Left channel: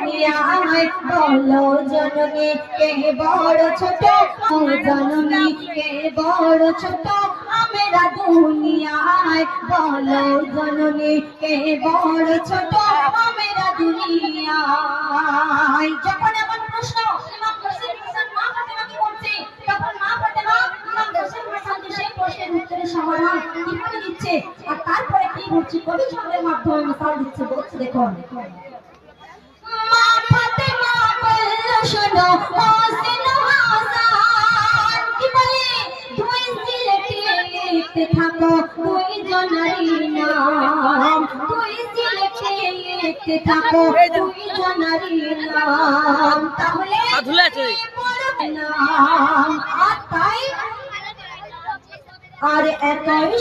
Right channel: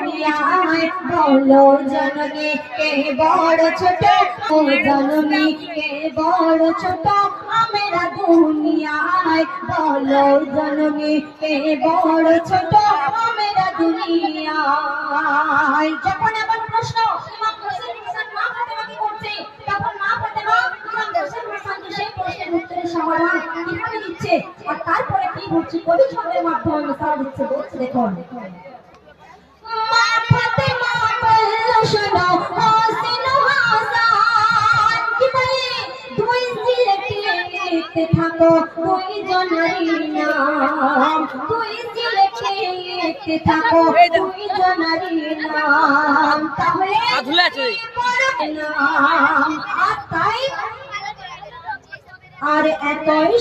দুনিয়ায় বলো জননী কে বড় ছোট ও জননী কে বড় ছোট আমরা দুনিয়ায় বলো জননী কে বড় ছোট আমরা দুনিয়ায়। যখন এমন প্রশ্ন ইমাম হোসেন মা ফাতেমাকে করছে তখন মা ফাতেমা ইমাম হোসেন হাসানকে সেই প্রশ্নের উত্তরের সমাধান কিভাবে দিচ্ছে আর তারপরে কি হচ্ছে কবি ছন্দের মাধ্যমে মিসাল দিচ্ছে। বলছে দেখুন, মা ফাতেমা বলল শোনো হোসেন হাসান কি বলে দুই জিলকে লিখতে থাকো দুই জনারি নাম, দুই জিলকে লিখতে থাকো দুই জনারি নাম, তাহলে নাম আর তাই আর একই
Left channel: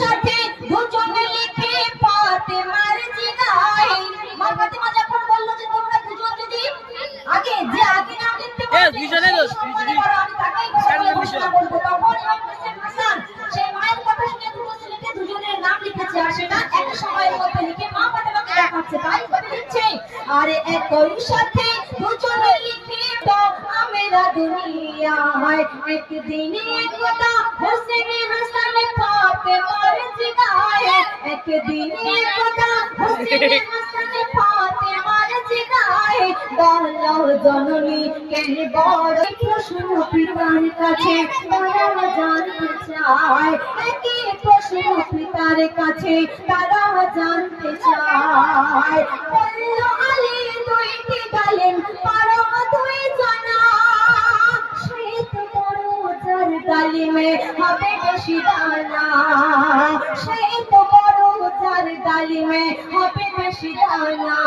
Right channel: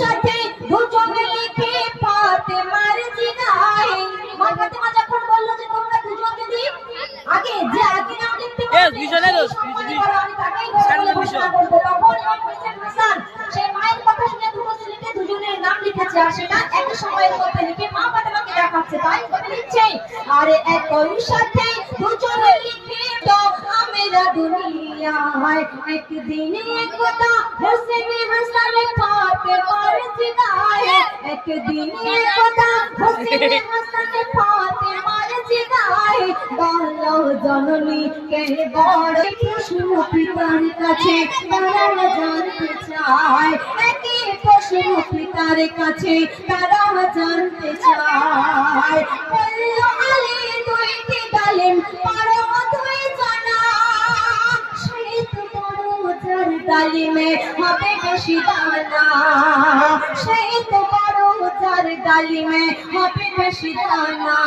সাথে দুজনে লিখে ফাতেমার জিগায়। মা ফাতেমা যখন বলল যে তোমরা দুজন যদি আগে নাম লিখতে পারো দুজনে আমি তাকেই বলবো, তখন ইমাম হোসেন হাসান সেই মায়ের কথা শুনে দুটো ছেলেকে দুজনের নাম লিখেছে আর সেটা একই সময়ের মধ্যে লিখে মা ফাতেমাকে দেখাচ্ছে। তাই লিখছে আর একই সাথে দুজনে লিখে দাও আমরা দুনিয়ায় একদিন একদা হোসেন হাসান ফাতেমার জিগায়, একদিন একদা হোসেন হাসান ফাতেমার জিগায় বলো জননী কে বড় প্রশ্ন পিতার কাছে তারা জানতে চায়, একই প্রশ্ন পিতার কাছে তারা জানতে চায়। বলল আলী দুইটি ডালিম পারো তুই জানা, সেই তো বড় যার ডালিমে হবে বেশি দানা, সেই তো বড় যার ডালিমে হবে বেশি দানা।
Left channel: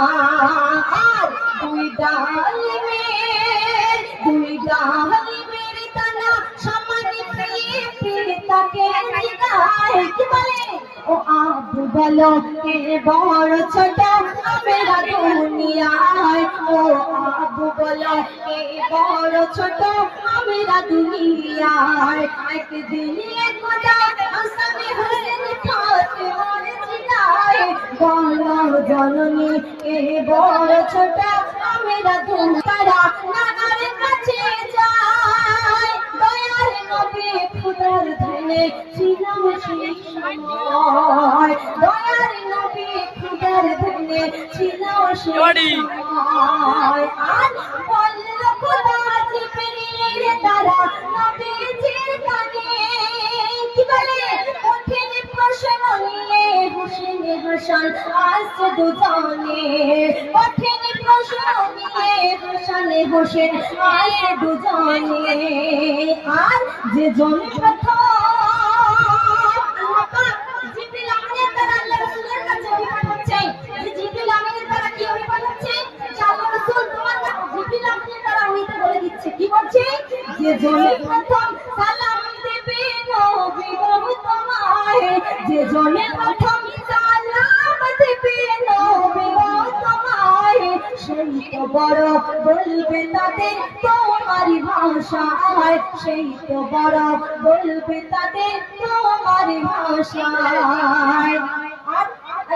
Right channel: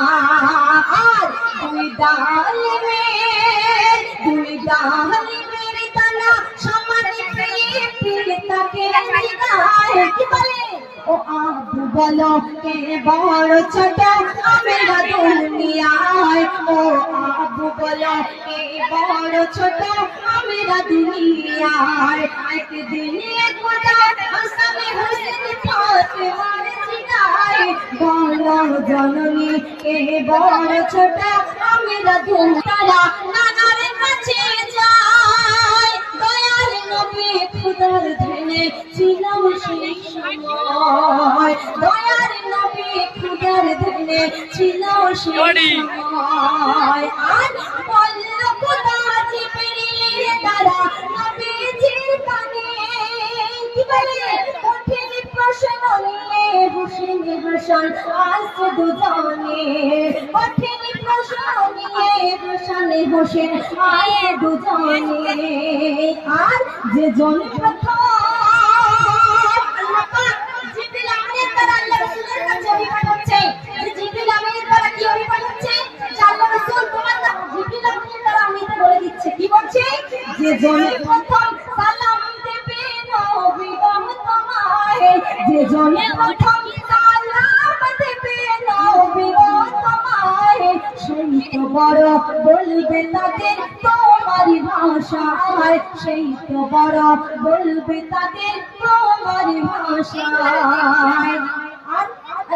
আর দুই ডালিমের দানা সমান পিতাকে জিগায় কি বলে ও আবু বলো কে বড় ছোট আমরা দুনিয়ায়, ও আবু বলো কে বড় ছোট আমরা দুনিয়ায়। একদিন একদা হাসান হোসেন ফাতেমার জিগায় বলো জননী কে বড় ছোট আমরা দুনিয়ায়। নানার কাছে যায় দয়াল নবী খুদার ধ্যানে ছিলাম সেই সময়, দয়াল নবী খুদার ধ্যানে ছিল সেই সময়। আর বলল খোদা জিবরিলের দ্বারা নবীজির কানে কি বলে কঠিন প্রশ্ন নিয়ে হোসেন হাসান আসছে দুজনে, কঠিন প্রশ্ন নিয়ে হোসেন আসছে দুজনে। আর যে জন প্রথম আল্লাহ পাক জিবরিল আমিনের দ্বারা আল্লাহ রাসূলের কাছে ওহী পাঠাচ্ছে, যে জিবরিল আমিনের দ্বারা কি ওহী পাঠাচ্ছে যে আল্লাহ রাসূল তোমার নাম জিবরিল আমিনের দ্বারা ওহীতে বলে দিচ্ছে কি বলছে যে জন প্রথম সালাম দেবে নবী গো তোমায়, যে জন প্রথম সালাম দেবে নবী গো তোমায়, সেই তো বড় বলবে তাদের তোমারি ভাষায়, সেই তো বড় বলবে তাদের তোমারি ভাষায়। আর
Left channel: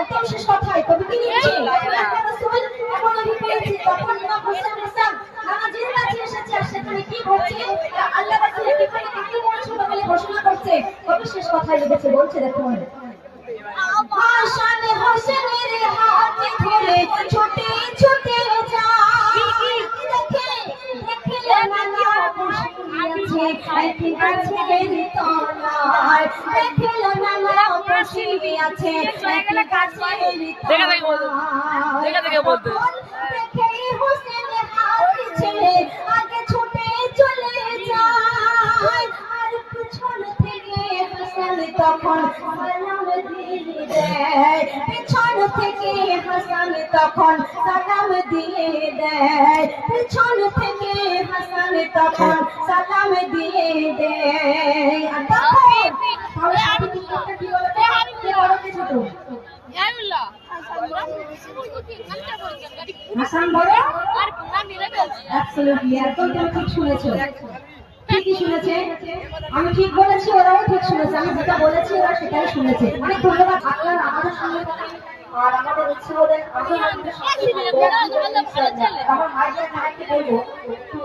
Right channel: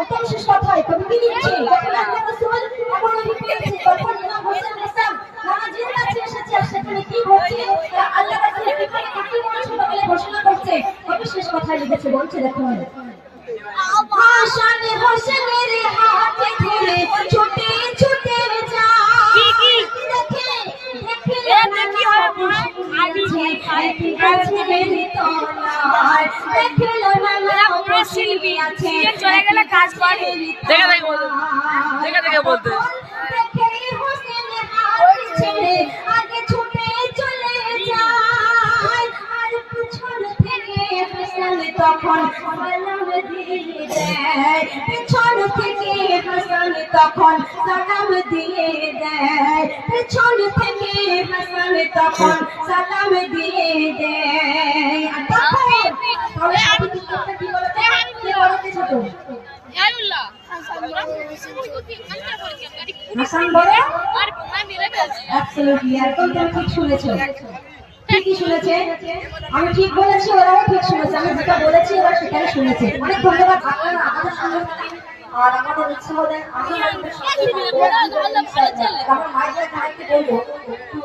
একদম শেষ কথায় কবি কি লিখছে আল্লাহ রাসূল এমন ওহী পেয়েছে তখন ইমাম হোসেন হাসান নামাজের কাছে এসেছে আর সেখানে কি হচ্ছে আল্লাহ রাসূল কিভাবে কাকে মনোযোগ বলে ঘোষণা করছে কবি শেষ কথায় লিখেছে। বলছে দেখুন, হাসান হোসেনের হাতে ধরে ছুটে ছুটে যায়, দেখে বলতে আগে ছুটে চলে যায় আর পিছন থেকে হাসান তখন সালাম দিয়ে দেয়, পিছন থেকে হাসান তখন সালাম দিয়ে দেয়, পিছন থেকে হাসান তখন সালাম দিয়ে দেয়। কি বলতে ছোট হাসান বলে অ্যাবসলিউটলি একদম তুমি ঠিক শুনেছো, ঠিকই শুনেছে, আমি ঠিক বলেছি ওরাও ঠিক শুনেছে, আমি যেটা বলেছি ওরা সেটাই শুনেছে। অনেক ধন্যবাদ আপনারা আমাদের সঙ্গে আর আমাদের উৎসাহ দেয়, আমরা আমার মায়ের কাছে বলবো একটু